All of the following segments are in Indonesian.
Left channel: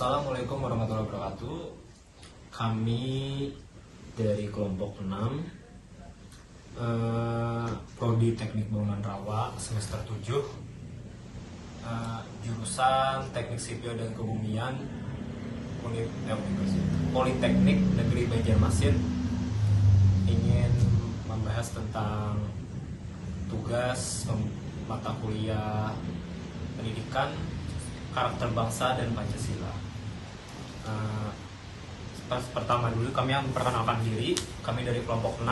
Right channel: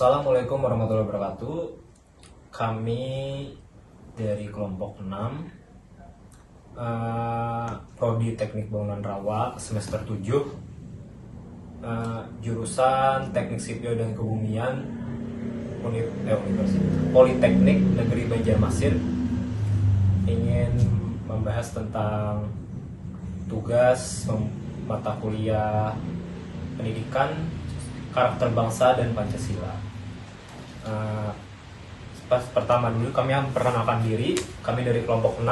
Assalamualaikum warahmatullahi wabarakatuh. Kami dari kelompok 6 Prodi Teknik Bangunan Rawa semester 7, jurusan Teknik Sipil dan Kebumian Politeknik Negeri Banjarmasin, ingin membahas tentang tugas mata kuliah pendidikan, karakter bangsa dan Pancasila. Pertama dulu kami memperkenalkan diri. Kami dari kelompok 6.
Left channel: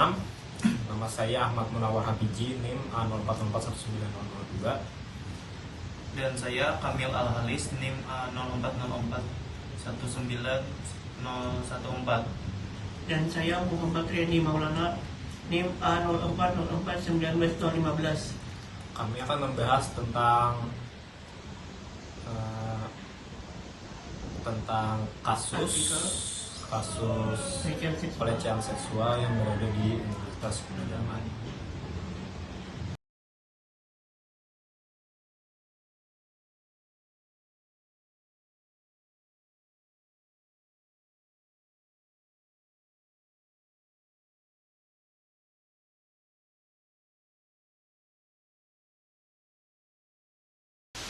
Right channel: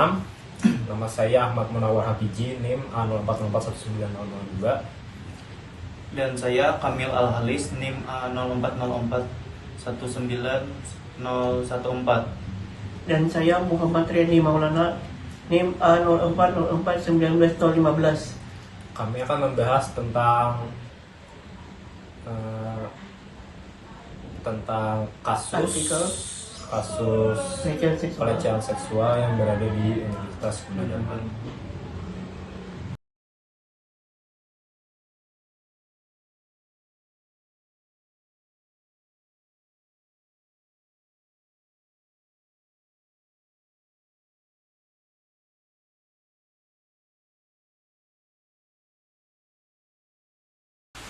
Nama saya Ahmad Munawar Habiji, NIM A04041902. Dan saya Kamil Al-Halis, NIM A04041914. Dan saya Muhammad Riyani Maulana, NIM A04041915. Kami akan membahas tentang kasus pelecehan seksual yang berada di Universitas Gunadarma.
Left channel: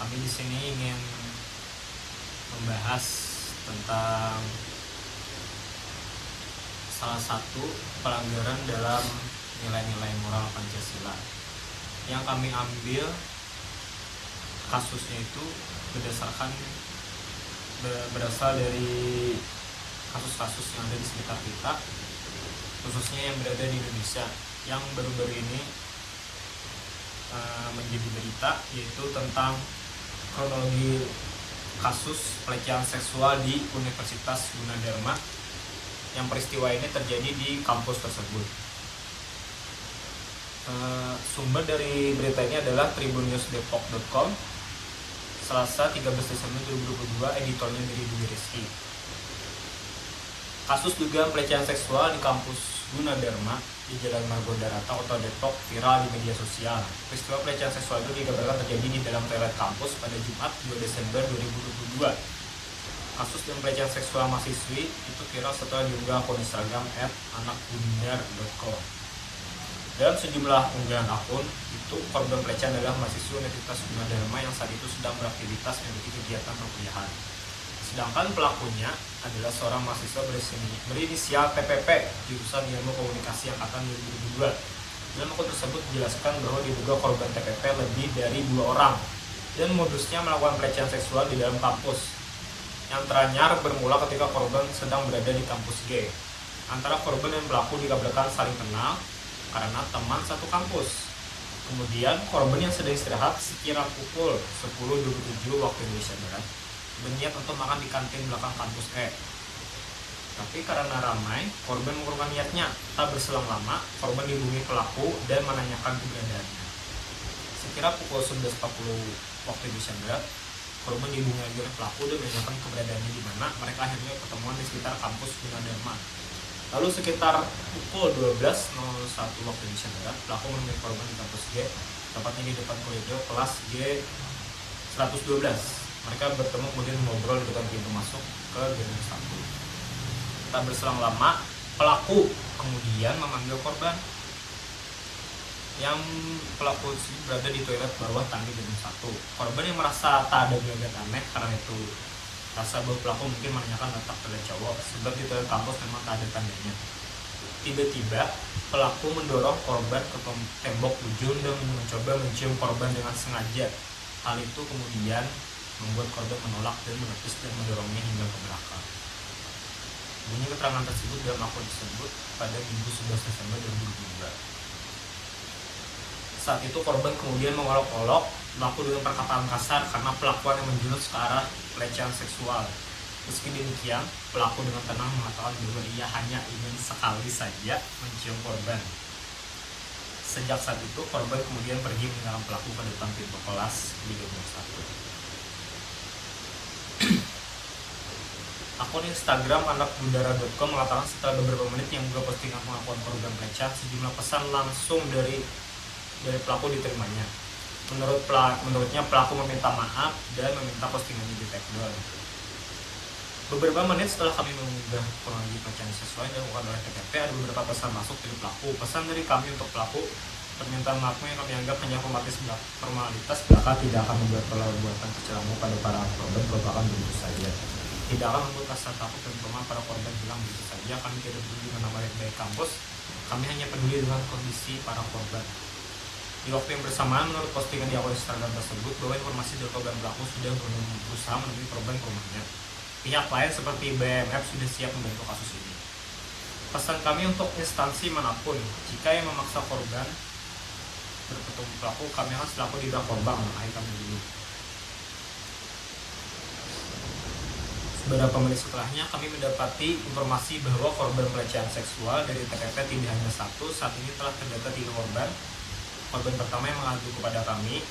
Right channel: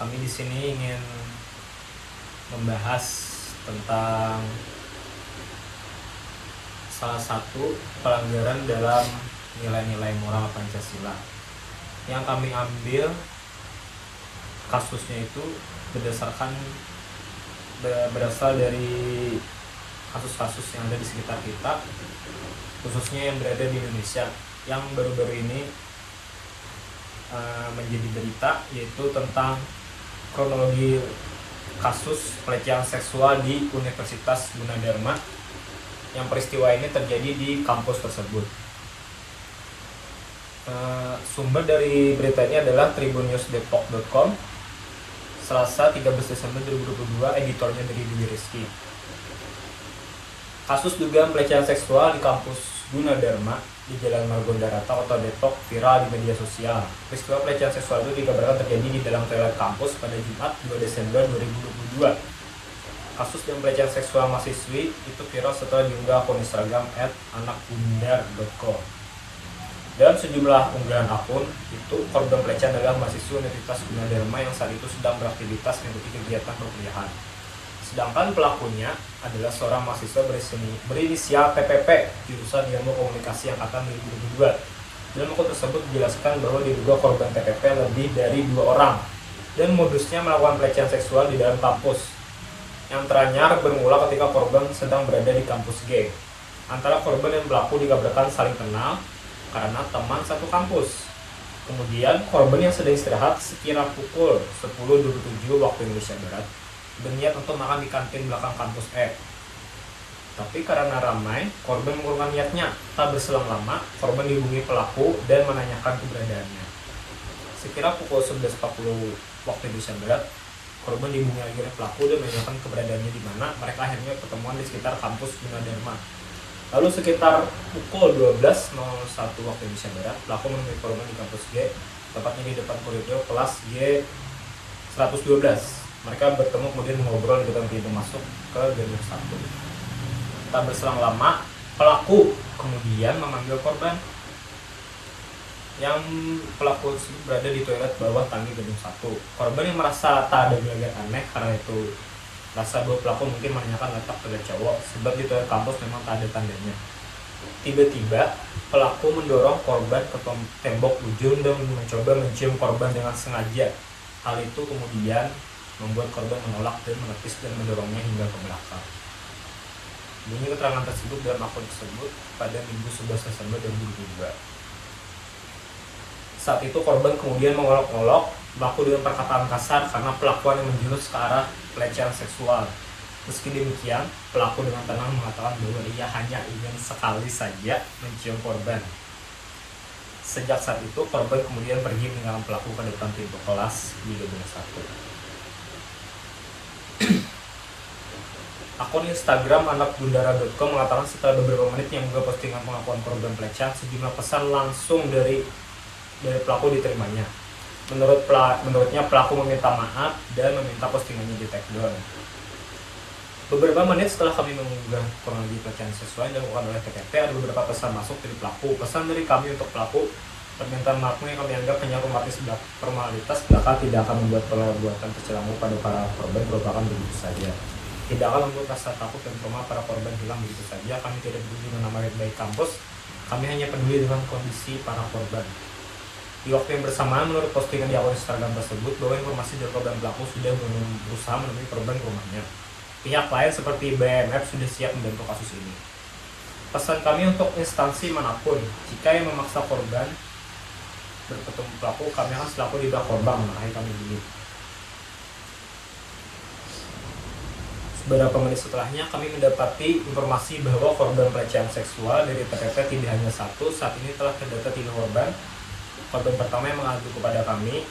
Kami di sini ingin membahas tentang salah satu pelanggaran dalam nilai-nilai moral Pancasila. Yang kami ambil kasusnya itu berasal dari kasus-kasus yang ada di sekitar kita, khususnya yang berada di Indonesia, yang baru-baru ini menjadi berita, yaitu tentang kronologi kasus pelecehan seksual di Universitas Gunadarma, yang peristiwa ini terjadi di kampus tersebut. Sumber dari berita ini adalah tribunnews.depok.com, Selasa 13 Desember 2022, editornya dari Dwi Rizky. Kasus dugaan pelecehan seksual di kampus Gunadarma di Jalan Margonda-Rata, Kota Depok, viral di media sosial. Peristiwa pelecehan seksual itu dikabarkan terjadi di dalam toilet kampus pada Jumat 2 Desember 2022. Kasus yang pelecehan seksual mahasiswi itu viral setelah diunggah akun Instagram @anakbundar.com. Dalam sejumlah unggahan akun itu, korban pelecehan adalah mahasiswa Universitas Gunadarma yang saat itu sedang beraktivitas mengikuti kegiatan perkuliahan. Sedangkan pelakunya adalah seorang mahasiswa berinisial PPP, jurusan Ilmu Komunikasi Angkatan 2022. Dalam akun tersebut dijelaskan bahwa diduga korban TPP lebih dari 2 orang dan modusnya melakukan pelecehan seksual di dalam kampus. Yang teranyar bermula ketika korban sedang berada di kampus G. Antara korban dan pelaku dikabarkan saling kenal karena teman satu kampus. Kemudian korban yang sedang istirahat sekira pukul 10.27 waktu Indonesia Barat berniat untuk makan di kantin belakang kampus E. Tapi karena ramai, korban mengurungkan niatnya. Tak berselang lama, korban dihubungi pelaku dan menanyakan keberadaannya. Sekira pukul 11.40 waktu Indonesia Barat, korban dihubungi lagi oleh pelaku dan menanyakan keberadaannya di mana. Mereka akhirnya ketemuan di sekitar kampus Gunadarma. Lalu sekitar pukul 12.01 waktu Indonesia Barat, pelaku menemui korban di kampus G, tepatnya di depan koridor kelas G 112. Mereka bertemu kemudian mengobrol di depan pintu masuk ke gedung 1. Tak berselang lama, pelaku kemudian memanggil korban. Yang pelaku tersebut berada di toilet bawah tangga gedung 1. Korban yang merasa tak ada gelagat aneh karena itu rasa bahwa pelaku mungkin menanyakan letak pada cowok, sebab di toilet kampus memang tak ada tandanya. Tiba-tiba pelaku mendorong korban ke tembok ujung dan mencoba mencium korban dengan sengaja. Hal itu kemudian membuat korban menolak dan menepis dan mendorongnya hingga ke belakang. Bunyi keterangan tersebut dalam akun tersebut pada Minggu 11 Desember 2022. Saat itu korban kemudian mengolok-olok pelaku dengan perkataan kasar karena pelakuan yang menjurus ke arah pelecehan seksual. Meski demikian, pelaku dengan tenang mengatakan bahwa ia hanya ingin sekali saja mencium korban. Sejak saat itu, korban kemudian pergi meninggalkan pelaku ke depan pintu kelas di gedung 1. Akun Instagram anakbundara.com mengatakan setelah beberapa menit yang mengunggah postingan pengakuan korban pelecehan, sejumlah pesan langsung dari pelaku diterimanya. Menurutnya pelaku meminta maaf dan meminta postingannya di take down. Beberapa menit setelah kami mengunggah kronologi pelecehan seksual yang dilakukan oleh TKP, ada beberapa pesan masuk dari pelaku. Pesan dari kami untuk pelaku, permintaan maafmu yang kami anggap hanya formalitas belaka tidak akan membuat perbuatan tercelamu pada para korban merupakan begitu saja. Tidak akan membuat rasa takut dan trauma para korban hilang begitu saja. Kami tidak peduli dengan nama baik kampus, kami hanya peduli dengan kondisi para korban. Di waktu yang bersamaan, menurut postingan di akun Instagram tersebut, bahwa informasi dari korban pelaku sudah berusaha menemui korban ke rumahnya. Pihak lain seperti BMF sudah siap membantu kasus ini. Pesan kami untuk instansi manapun, jika yang memaksa korban bertemu pelaku, kami akan selaku di bawah korban mengakhiri kami ini. Beberapa menit setelahnya, kami mendapati informasi bahwa korban pelecehan seksual dari TPP tidak hanya satu, saat ini telah terdata 3 korban. Korban pertama yang mengadu kepada kami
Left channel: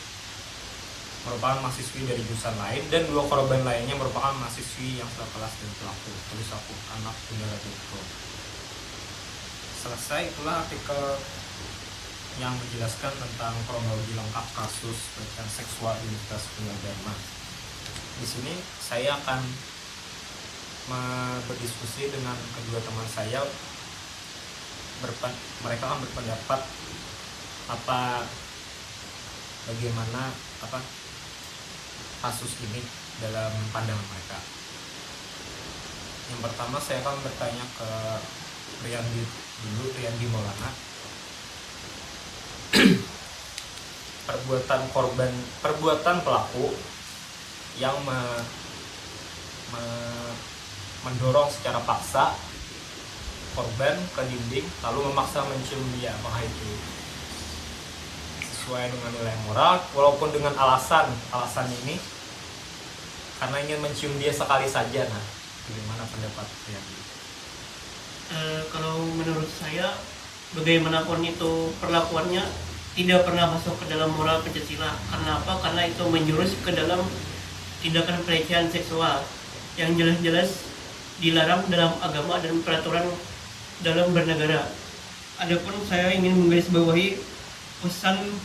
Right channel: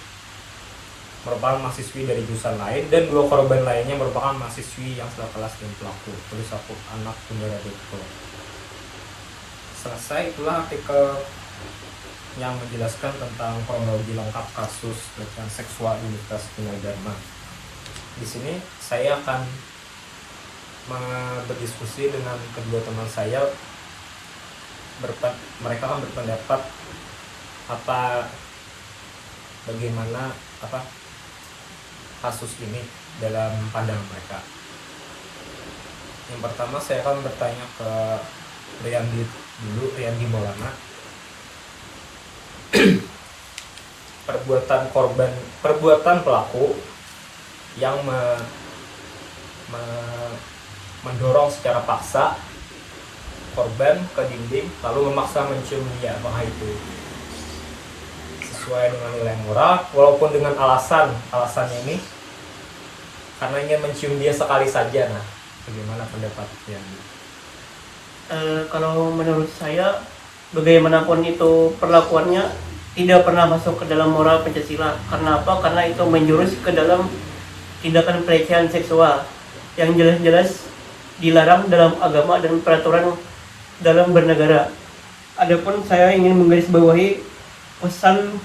merupakan mahasiswi dari jurusan lain, dan 2 korban lainnya merupakan mahasiswi yang sekelas dengan pelaku. Tulis aku anak Bunda.co. Selesai, itulah artikel yang menjelaskan tentang kronologi lengkap kasus pelecehan seksual di Universitas Gunadarma. Di sini saya akan berdiskusi dengan kedua teman saya. Mereka akan berpendapat bagaimana kasus ini dalam pandangan mereka. Yang pertama saya akan bertanya ke Riyandi Maulana. Perbuatan pelaku yang mendorong secara paksa korban ke dinding lalu memaksa mencium dia, apakah itu sesuai dengan nilai moral, walaupun dengan alasannya ini karena ingin mencium dia sekali saja. Nah, bagaimana pendapat Riyandi? Kalau menurut saya, bagaimanapun itu perlakuannya tidak pernah masuk ke dalam moral Pancasila. Karena apa? Karena itu menjurus ke dalam tindakan pelecehan seksual yang jelas-jelas dilarang dalam agama dan peraturan dalam bernegara. Adapun saya ingin menggarisbawahi pesan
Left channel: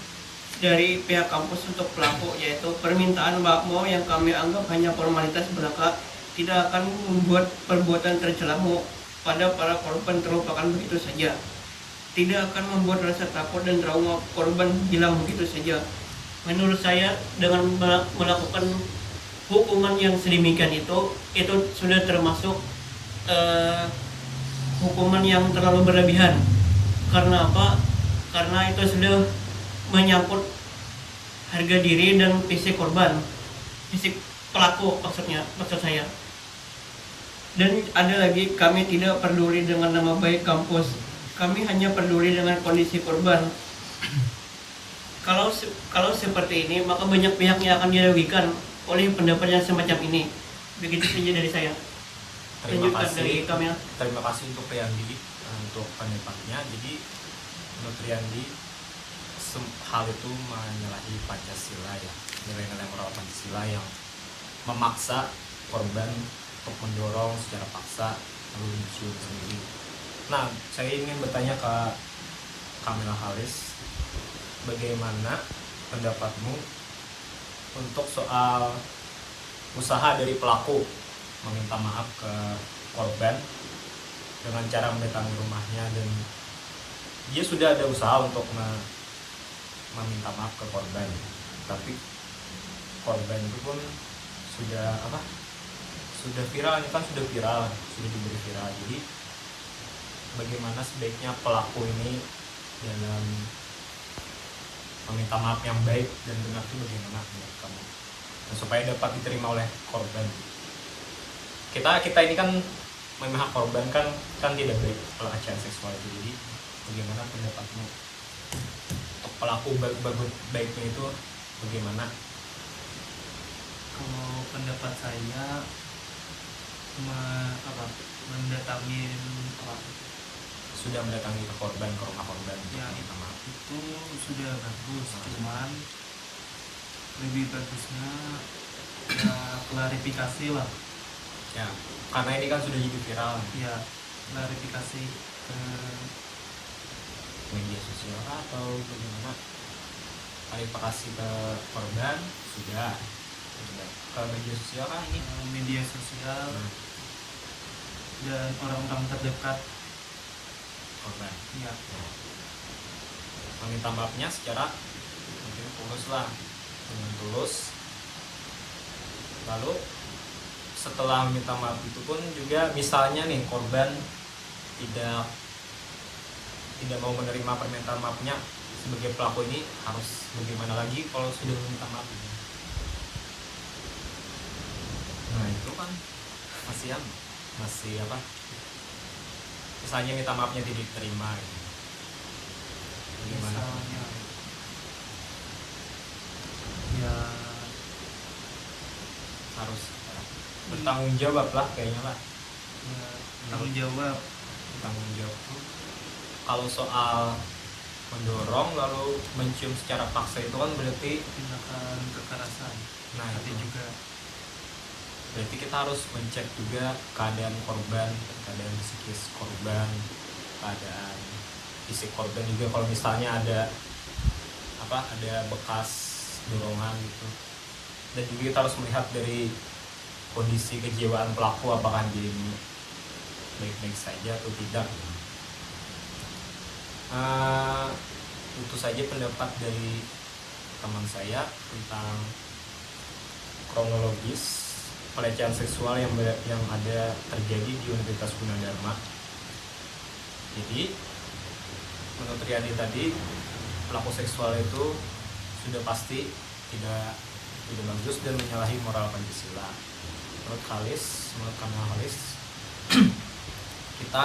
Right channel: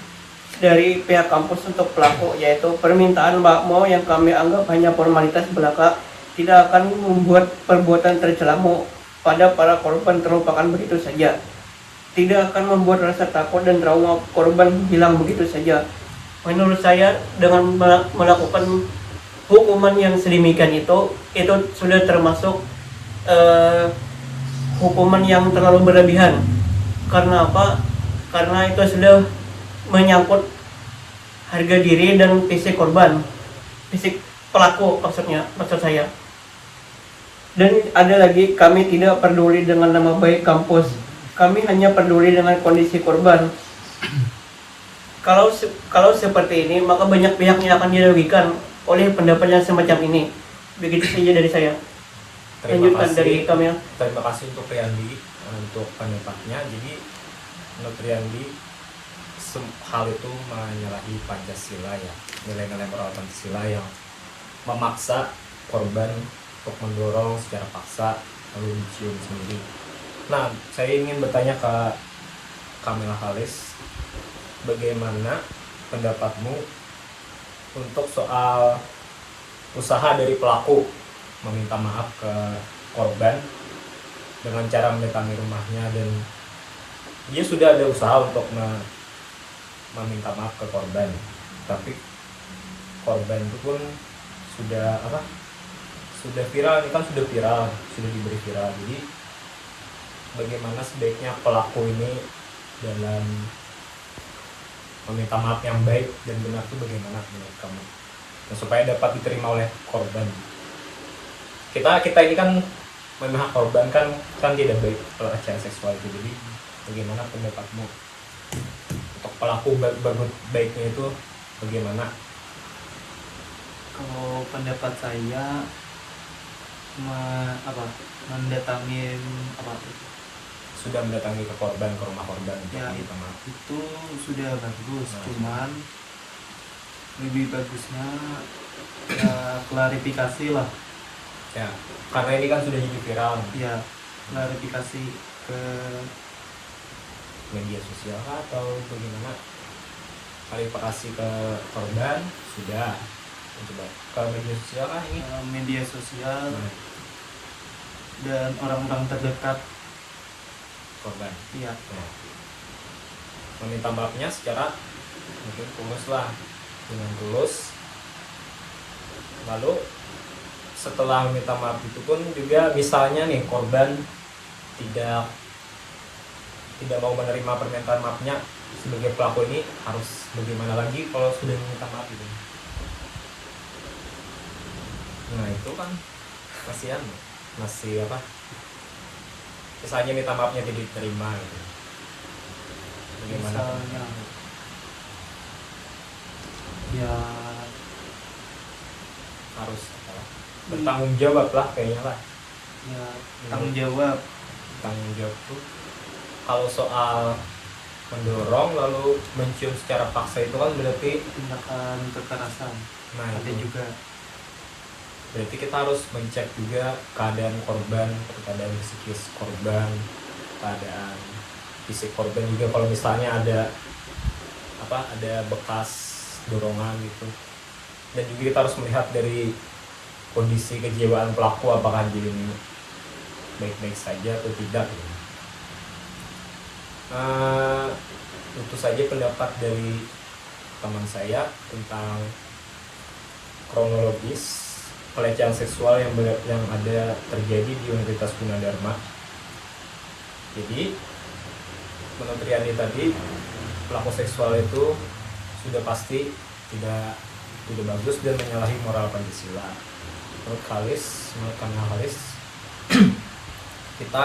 dari pihak kampus untuk pelaku, yaitu permintaan maaf yang kami anggap hanya formalitas belaka, tidak akan membuat perbuatan tercelamu pada para korban terlupakan begitu saja. Tidak akan membuat rasa takut dan trauma korban hilang begitu saja. Menurut saya, dengan melakukan hukuman yang sedemikian itu sudah termasuk hukuman yang terlalu berlebihan. Karena apa? Karena itu sudah menyangkut harga diri dan fisik korban, fisik pelaku maksud saya. Dan ada lagi, kami tidak peduli dengan nama baik kampus, kami hanya peduli dengan kondisi korban. Kalau seperti ini, maka banyak pihak yang akan dirugikan oleh pendapat yang semacam ini. Begitu saja dari saya. Lanjutkan dari Kamil. Terima kasih untuk Riyandi untuk pendapatnya. Jadi menurut Riyandi, hal itu menyalahi Pancasila ya, nilai-nilai moral Pancasila yang memaksa korban untuk mendorong secara paksa lalu mencium sendiri. Nah, saya ingin bertanya ke Kamila Halis, bagaimana pendapatmu untuk soal usaha dari pelaku meminta maaf ke korban dengan cara mendatangi rumahnya, dan dia sudah ada usaha untuk meminta maaf ke korban, tapi korban itu pun sudah viral, ini kan sudah diberi viral. Jadi bagaimana sebaiknya pelaku ini dalam meminta maaf yang baik dan benar itu bagaimana menurut kamu, dan supaya dapat diterima oleh korban? Kita ini kan memihak korban kan tidak baik pelecehan seksual itu. Jadi bagaimana pendapatmu untuk pelaku baiknya itu bagaimana? Kalau pendapat saya mendatangi Sudah mendatangi ke rumah korban ya, minta maaf. itu sudah bagus. Cuman lebih bagusnya ya klarifikasi lah Ya, karena ini kan sudah jadi viral ya, klarifikasi ke media sosial kah, atau bagaimana? Klarifikasi ke korban sudah, coba kalau media sosial kah ini? media sosial. Nah, dan orang-orang terdekat. korban. Ya, Meminta maafnya secara mungkin tulus lah, dengan tulus. Lalu setelah meminta maaf itu pun juga misalnya nih korban tidak mau menerima permintaan maafnya, sebagai pelaku ini harus bagaimana lagi kalau sudah meminta maaf itu? Nah itu kan masih apa? Misalnya minta maafnya tidak diterima gitu. Bagaimana? misalnya ya Harus bertanggung jawab lah kayaknya lah. ya tanggung jawab. Tanggung jawab tuh kalau soal mendorong lalu mencium secara paksa itu kan berarti Tindakan kekerasan ada itu juga. berarti kita harus mencek juga keadaan korban, keadaan psikis korban, keadaan fisik korban juga. Kalau misalnya ada bekas dorongan gitu, dan juga kita harus melihat dari kondisi kejiwaan pelaku, apakah dia ini baik-baik saja atau tidak gitu. Itu saja pendapat dari teman saya tentang kronologis pelecehan seksual yang ada terjadi di Universitas Gunadarma. Jadi menurut Riyandi tadi, pelaku seksual itu sudah pasti tidak bagus dan menyalahi moral Pancasila. Menurut Kamil Khalis, kita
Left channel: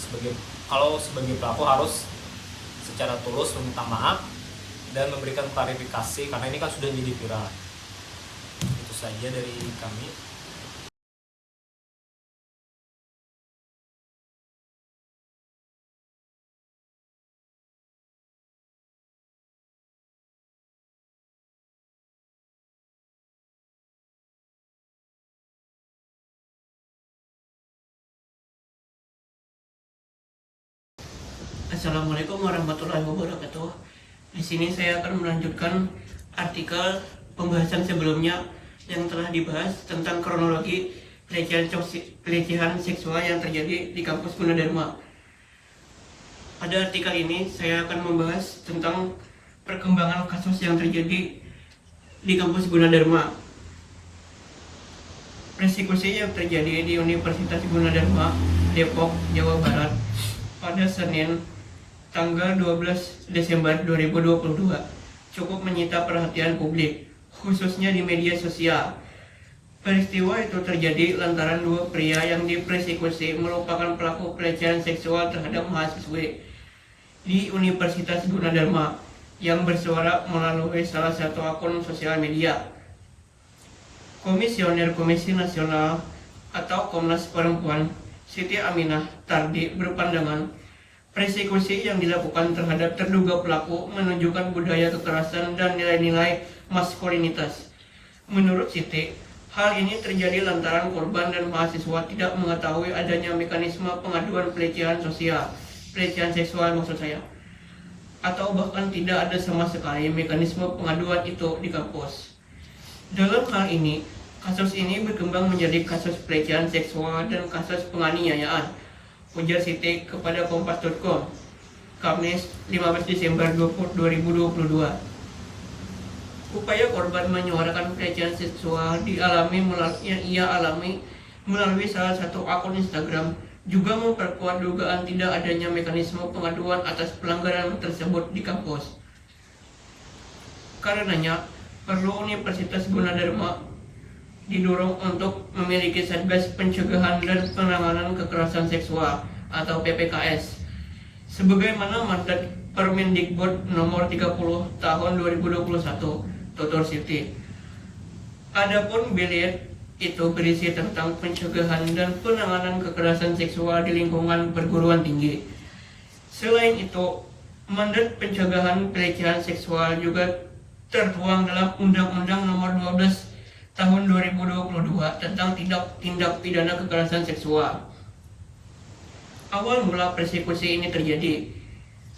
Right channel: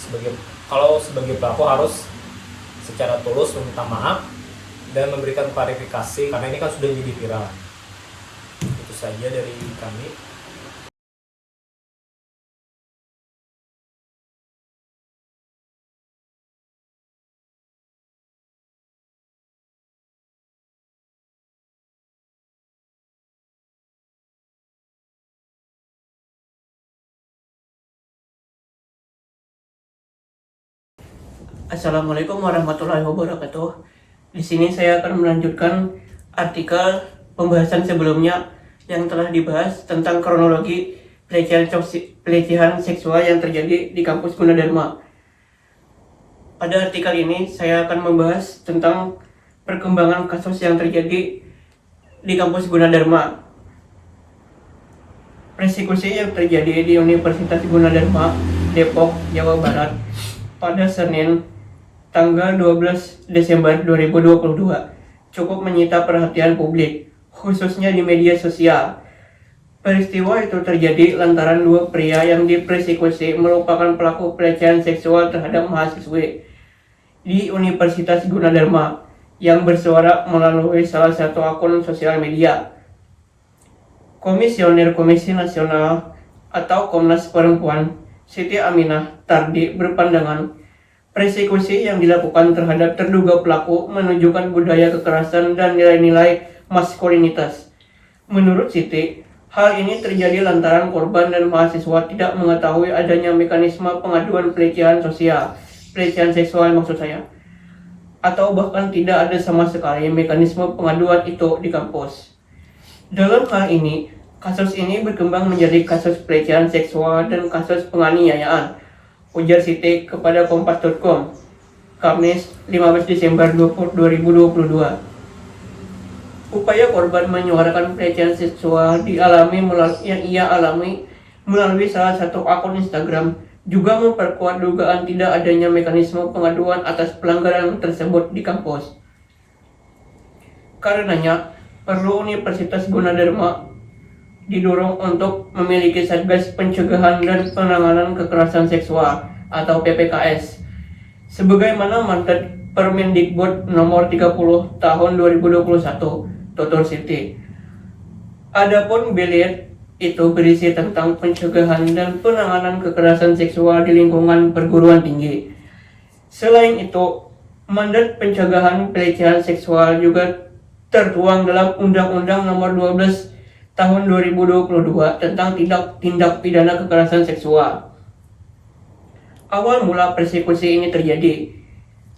sebagai pelaku harus secara tulus meminta maaf dan memberikan klarifikasi, karena ini kan sudah jadi viral. Itu saja dari kami. Assalamualaikum warahmatullahi wabarakatuh. Di sini saya akan melanjutkan artikel pembahasan sebelumnya yang telah dibahas tentang kronologi pelecehan seksual yang terjadi di kampus Gunadarma. Pada artikel ini saya akan membahas tentang perkembangan kasus yang terjadi di kampus Gunadarma. Persekusi yang terjadi di Universitas Gunadarma, Depok, Jawa Barat pada Senin tanggal 12 Desember 2022 cukup menyita perhatian publik, khususnya di media sosial. Peristiwa itu terjadi lantaran dua pria yang dipersekusi merupakan pelaku pelecehan seksual terhadap mahasiswi di Universitas Gunadarma yang bersuara melalui salah satu akun sosial media. Komisioner Komisi Nasional atau Komnas Perempuan Siti Aminah Tardi berpandangan persekusi yang dilakukan terhadap terduga pelaku menunjukkan budaya kekerasan dan nilai-nilai maskulinitas. Menurut Siti, hal ini terjadi lantaran korban dan mahasiswa tidak mengetahui adanya mekanisme pengaduan pelecehan seksual maksud saya, atau bahkan tidak ada sama sekali mekanisme pengaduan itu di kampus. Dalam hal ini, kasus ini berkembang menjadi kasus pelecehan seksual dan kasus penganiayaan, ujar Siti kepada Kompas.com, Kamis 15 Desember 2022. Upaya korban menyuarakan pelecehan seksual yang ia alami melalui salah satu akun Instagram juga memperkuat dugaan tidak adanya mekanisme pengaduan atas pelanggaran tersebut di kampus. Karenanya, perlu Universitas Gunadarma didorong untuk memiliki Satgas Pencegahan dan Penanganan Kekerasan Seksual atau PPKS sebagaimana mandat Permendikbud nomor 30 tahun 2021, tutur Siti. Adapun bilet itu berisi tentang pencegahan dan penanganan kekerasan seksual di lingkungan perguruan tinggi. Selain itu, mandat pencegahan pelecehan seksual juga tertuang dalam Undang-Undang nomor 12 tahun 2022 tentang tindak pidana kekerasan seksual. Awal mula persekusi ini terjadi.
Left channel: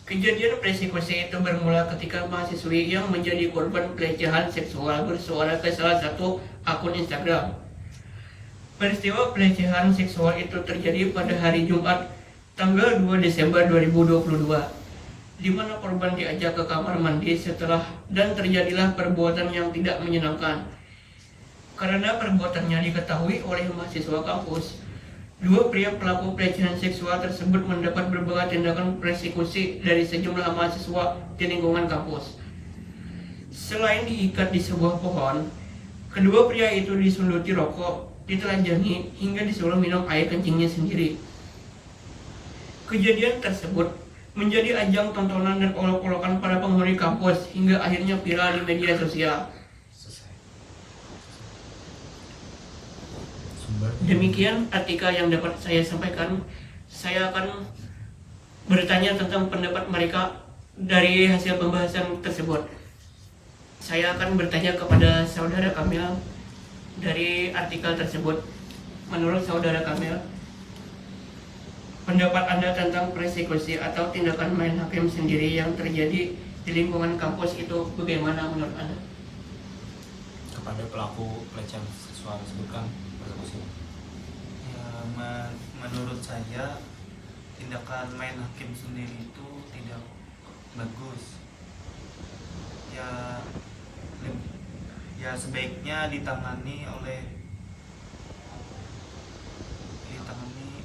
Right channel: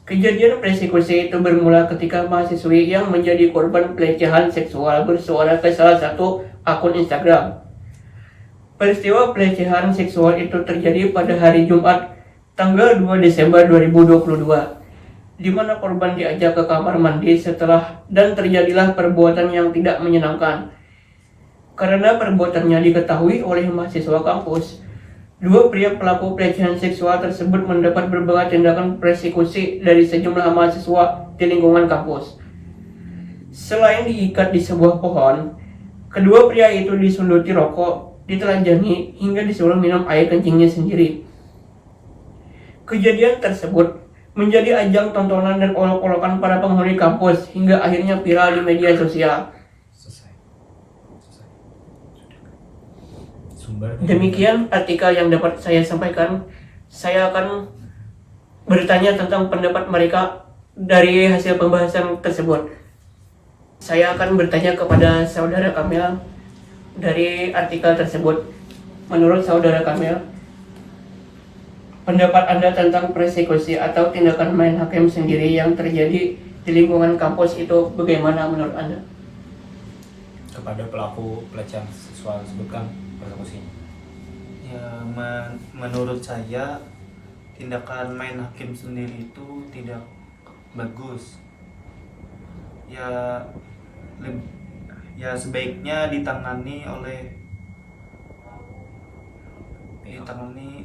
Kejadian persekusi itu bermula ketika mahasiswi yang menjadi korban pelecehan seksual bersuara ke salah satu akun Instagram. Peristiwa pelecehan seksual itu terjadi pada hari Jumat tanggal 2 Desember 2022, di mana korban diajak ke kamar mandi dan terjadilah perbuatan yang tidak menyenangkan. Karena perbuatannya diketahui oleh mahasiswa kampus, dua pria pelaku pelecehan seksual tersebut mendapat berbagai tindakan persekusi dari sejumlah mahasiswa di lingkungan kampus. Selain diikat di sebuah pohon, kedua pria itu disunduti rokok, ditelanjangi, hingga disuruh minum air kencingnya sendiri. Kejadian tersebut menjadi ajang tontonan dan olok-olokan para penghuni kampus hingga akhirnya viral di media sosial. Demikian artikel yang dapat saya sampaikan. Saya akan bertanya tentang pendapat mereka dari hasil pembahasan tersebut. Saya akan bertanya kepada saudara Kamil dari artikel tersebut. Menurut saudara Kamil, pendapat Anda tentang persekusi atau tindakan main hakim sendiri yang terjadi di lingkungan kampus itu bagaimana menurut Anda? Kepada pelaku pelecehan seksual disebutkan persekusi. Ya, menurut saya tindakan main hakim sendiri itu tidak bagus. Ya sebaiknya ditangani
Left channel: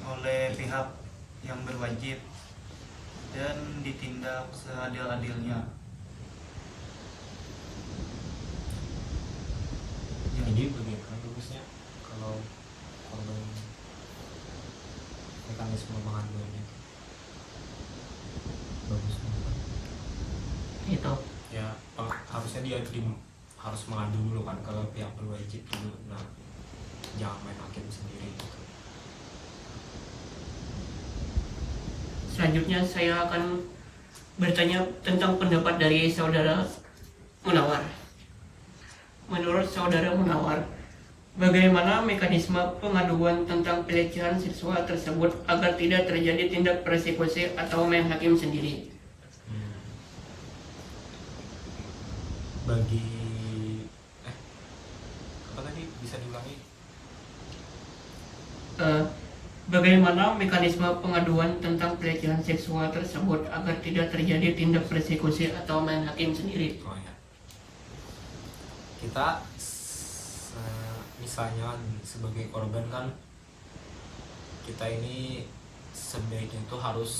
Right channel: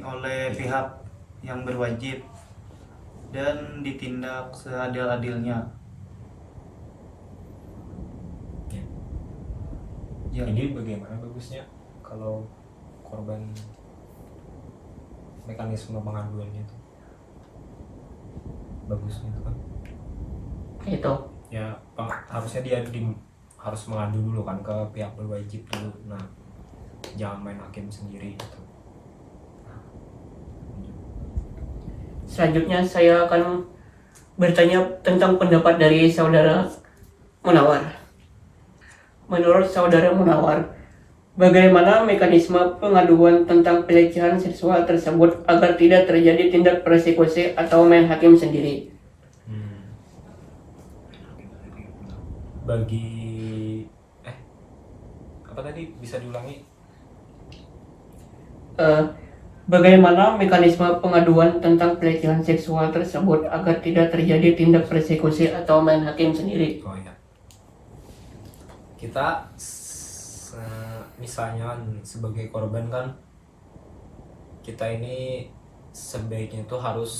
oleh pihak yang berwajib dan ditindak seadil-adilnya. Ya, Jadi bagaimana bagusnya kalau korban mekanisme pengaduannya itu bagus kan? Itu. Ya harusnya dia harus mengadu dulu kan ke pihak berwajib dulu. Nah, jangan main hakim sendiri gitu. Selanjutnya saya akan bertanya tentang pendapat dari saudara Munawar. Menurut saudara Munawar, bagaimana mekanisme pengaduan tentang pelecehan seksual tersebut agar tidak terjadi tindak persekusi atau main hakim sendiri? Apa tadi bisa diulangi? Bagaimana mekanisme pengaduan tentang pelecehan seksual tersebut agar tidak terjadi tindak persekusi atau main hakim sendiri? Oh ya, kita misalnya sebagai korban kan, kita ini sebaiknya itu harus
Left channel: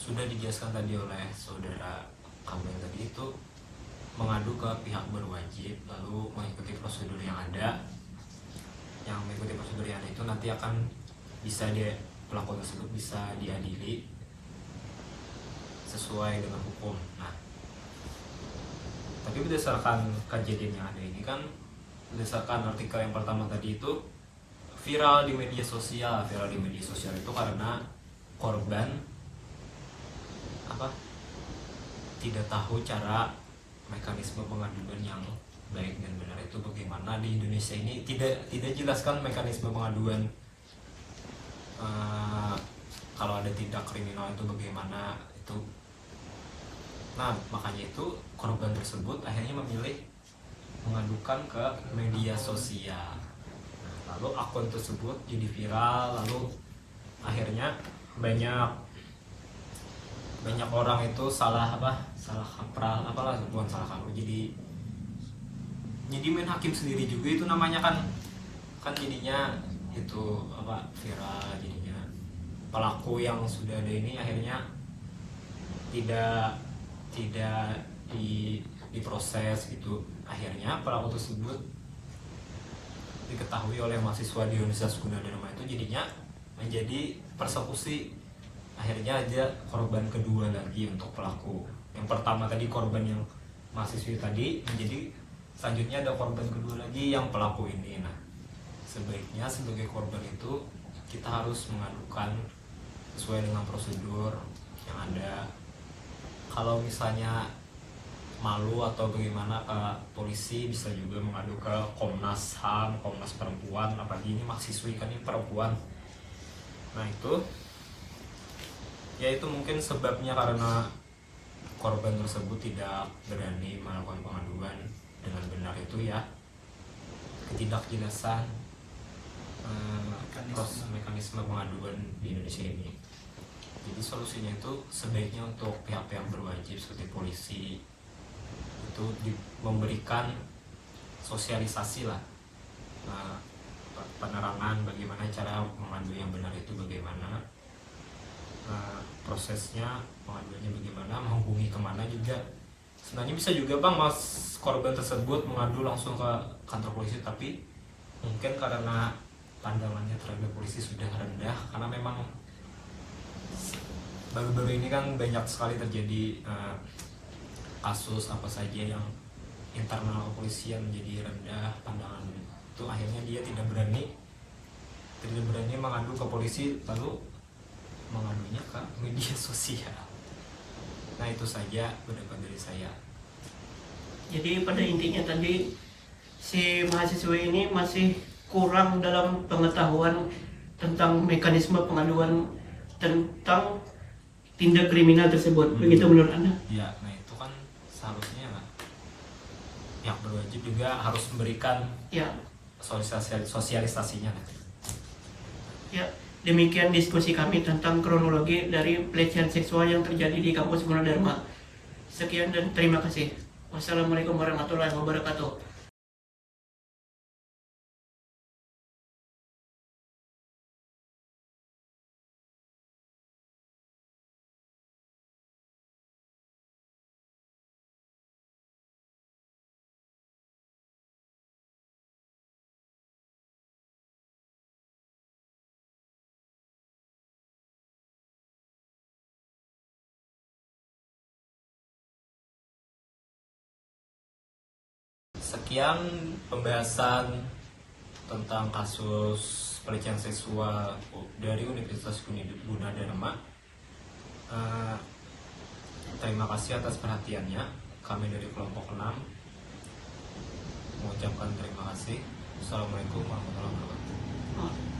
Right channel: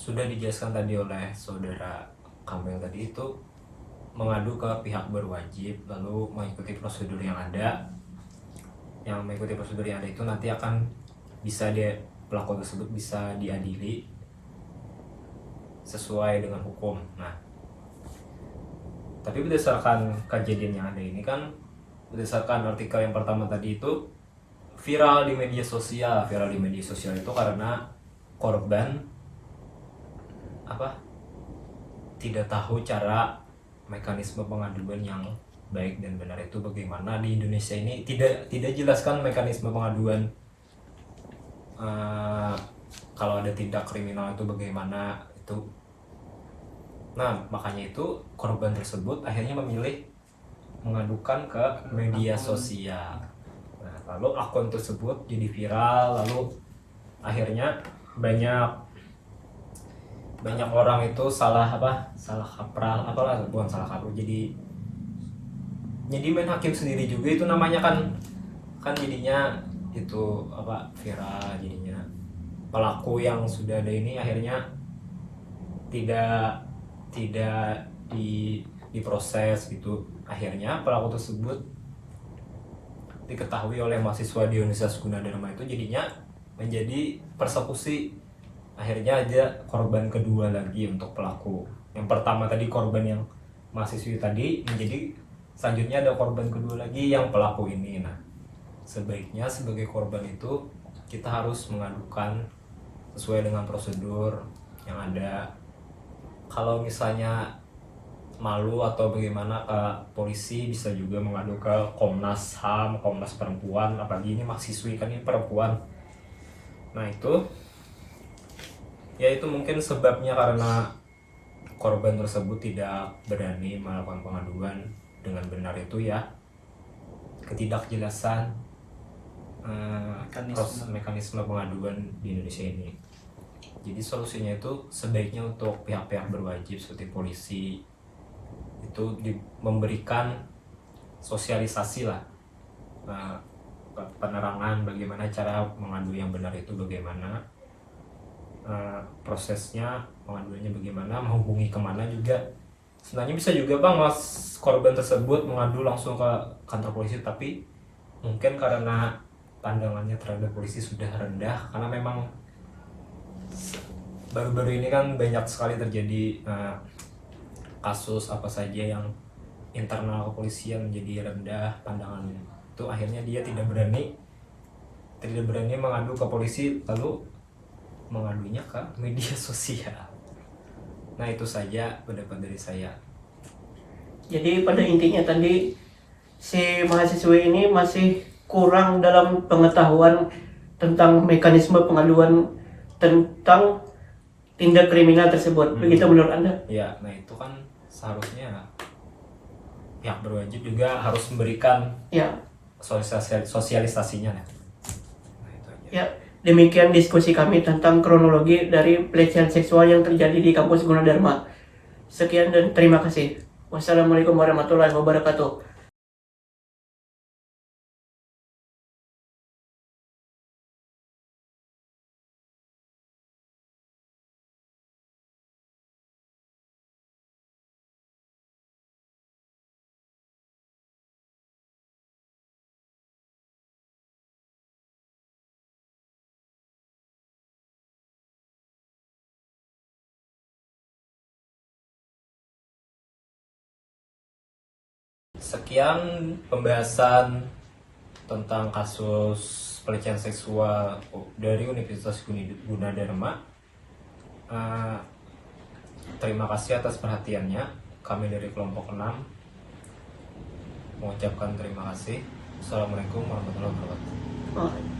sudah dijelaskan tadi oleh saudara Kamil tadi itu mengadu ke pihak berwajib, lalu mengikuti prosedur yang ada. Yang mengikuti prosedur yang ada itu nanti akan bisa pelaku tersebut bisa diadili sesuai dengan hukum. Nah, tapi berdasarkan kejadian yang ada ini kan, berdasarkan artikel yang pertama tadi itu viral di media sosial itu karena korban tidak tahu cara mekanisme pengaduan yang baik dan benar itu bagaimana. Di Indonesia ini tidak jelaskan mekanisme pengaduan kalau ada tindak kriminal itu bagaimana itu. Nah, makanya itu korban tersebut akhirnya memilih mengadukan ke media sosial. Nah, lalu akun tersebut jadi viral, lalu akhirnya banyak orang itu salah kaprah, bukan salah kaprah, jadi main hakim sendiri juga itu namanya kan jadinya itu viral, jadinya pelaku yang sudah ada ini akhirnya tidak diproses gitu. Akhirnya pelaku tersebut diketahui oleh mahasiswa di Universitas Gunadarma itu jadinya menjadi persekusi. Akhirnya ada korban kedua lagi untuk pelaku. Yang pertama tadi korban yang mahasiswi tadi, menjadi selanjutnya ada korban kedua lagi yang pelaku ini. Nah, sebaiknya sebagai korban itu kita harus mengadukan sesuai dengan prosedur yang ada. Kalau misalnya malu atau bagaimana ke polisi, bisa juga mengadu ke Komnas HAM, Komnas Perempuan, apalagi ini mahasiswi kan ini perempuan. Nah, itu mungkin sebabnya karena korban tersebut tidak berani melakukan pengaduan dengan benar itu ya, ketidakjelasan mekanisme pengaduan di Indonesia ini. Jadi solusinya itu sebaiknya untuk pihak-pihak berwajib seperti polisi itu memberikan sosialisasi lah, penerangan bagaimana cara mengadu yang benar itu bagaimana, prosesnya pengaduannya bagaimana, menghubungi kemana juga. Sebenarnya bisa juga bang mas korban tersebut mengadu langsung ke kantor polisi, tapi mungkin karena pandangannya terhadap polisi sudah rendah, karena memang baru-baru ini kan banyak sekali terjadi kasus apa saja yang internal kepolisian menjadi rendah pandangan itu, akhirnya dia tidak berani mengadu ke polisi, lalu mengadunya ke media sosial. Nah itu saja pendapat dari saya. Jadi pada intinya tadi si mahasiswa ini masih kurang dalam pengetahuan tentang mekanisme pengaduan tentang tindak kriminal tersebut. Begitu menurut Anda? Ya, nah itu kan seharusnya pihak berwajib juga harus memberikan Ya. sosialisasinya. Ya, demikian diskusi kami tentang kronologi dari pelecehan seksual yang terjadi di kampus Gunadarma. Sekian dan terima kasih. Wassalamualaikum warahmatullahi wabarakatuh. Sekian pembahasan tentang kasus pelecehan seksual dari Universitas Gunadarma. Terima kasih atas perhatiannya. Kami dari kelompok 6 mengucapkan terima kasih. Assalamualaikum warahmatullahi wabarakatuh.